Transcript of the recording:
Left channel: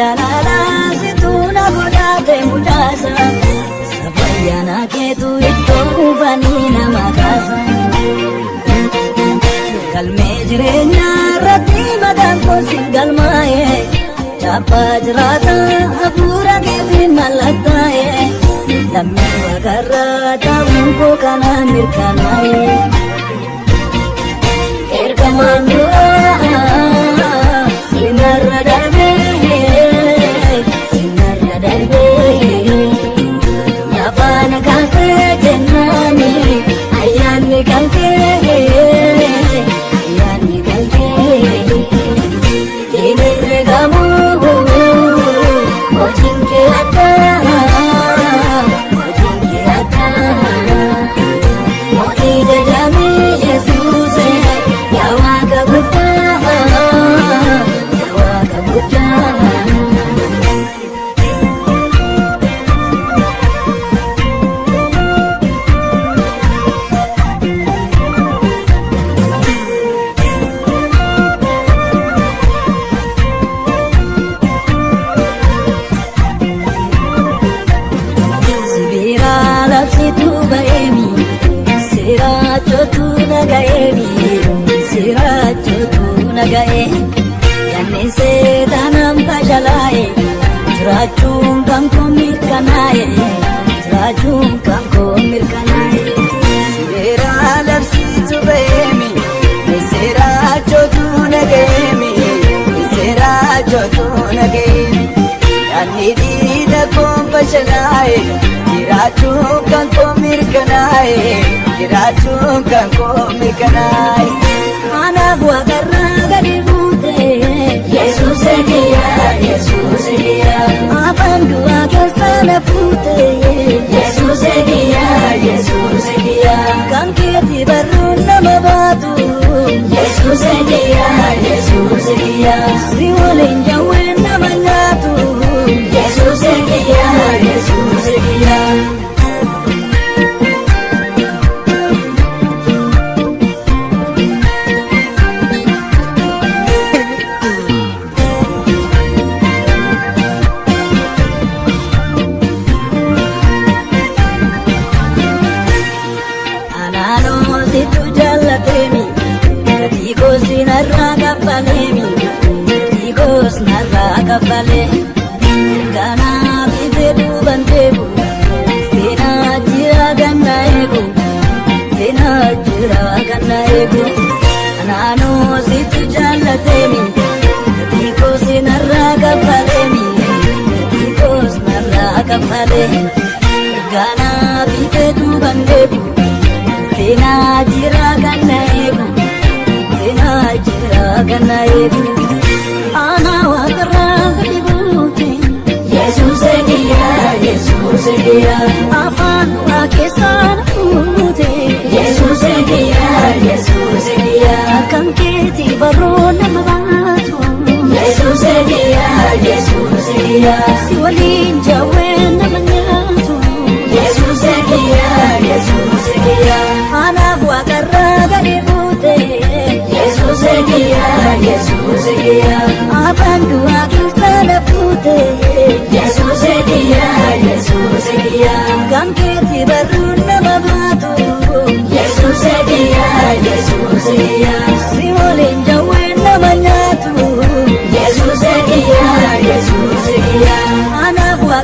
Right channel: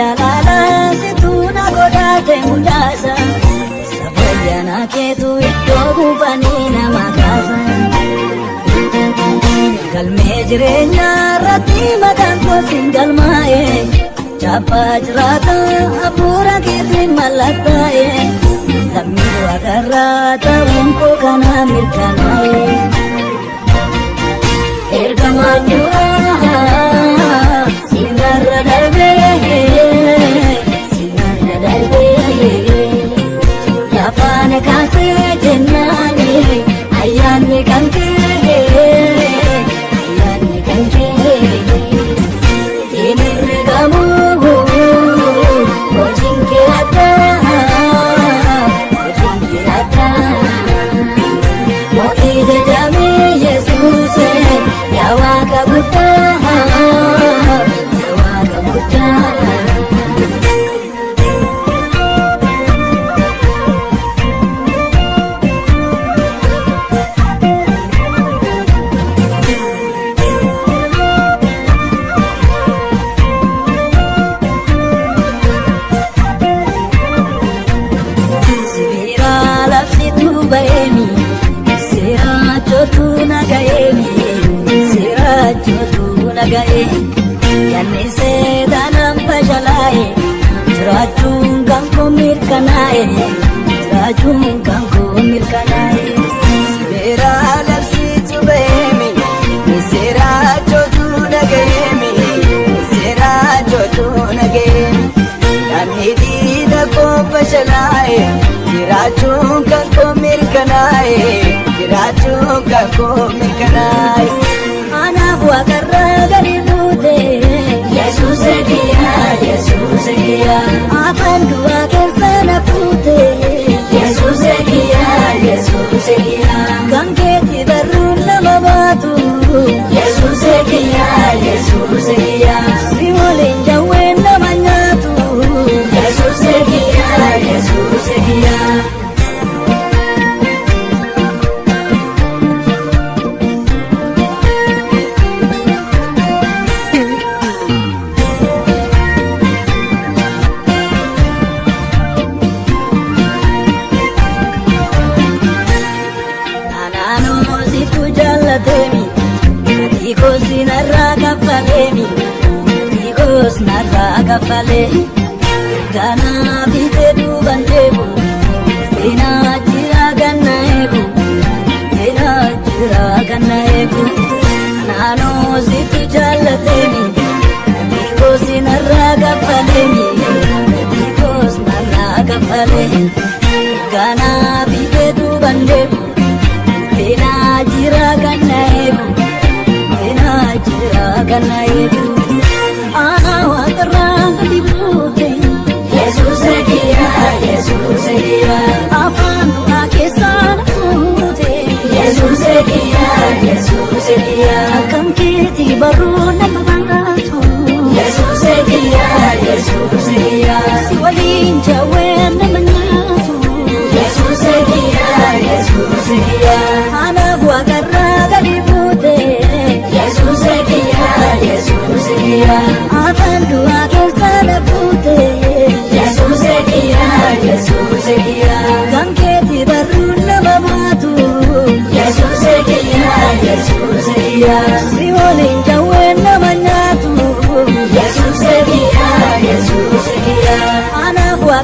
jalala situna godate mudasa safayyana ketu itto ufanina makasa galme jirenya rati madako singal mae chapa jirata apura ketin malatae lammi agarra tawko kana mirkanai ergamanyo Racun kangku mirkanai, racun kangku mirkanai. Sera nafsi tu behemi, sera jotu nagemi, sera jotu nagemi. Dan hidi daku pashalai, racun kangku mirkanai, racun kangku mirkanai. Anak buah kerai gadi putih, Yesus dia, Yesus dia. Yesus dia, Yesus dia. Kangketi baru nama batu. Yesus dia, Yesus dia. Siwalin jauhin nama nyatu. Yesus dia, Yesus dia. Tikos naraka palemi, tikos naraka palemi. Gana bitedu bandebu, sena jira ganaebu, sena jira ganaebu. Nano situ jalatemi, tikos naraka palemi, tikos naraka palemi. Gana bitedu bandebu, sena jira ganaebu. Yesus dia, Yesus dia. Afan akisan pute. Yesus dia, Yesus dia. Kangketi baru nama batu. Yesus dia, Yesus dia. Siwalin jawen nama nyatu. Yesus dia, Yesus dia. Anak buah karena di pute. Yesus dia, Yesus dia. Afan akisan pute. Yesus dia, Yesus dia. Kangketi baru nama batu. Yesus dia, Yesus dia. Siwalin jauhin nama nyatu. Yesus dia, Yesus dia. Anak buah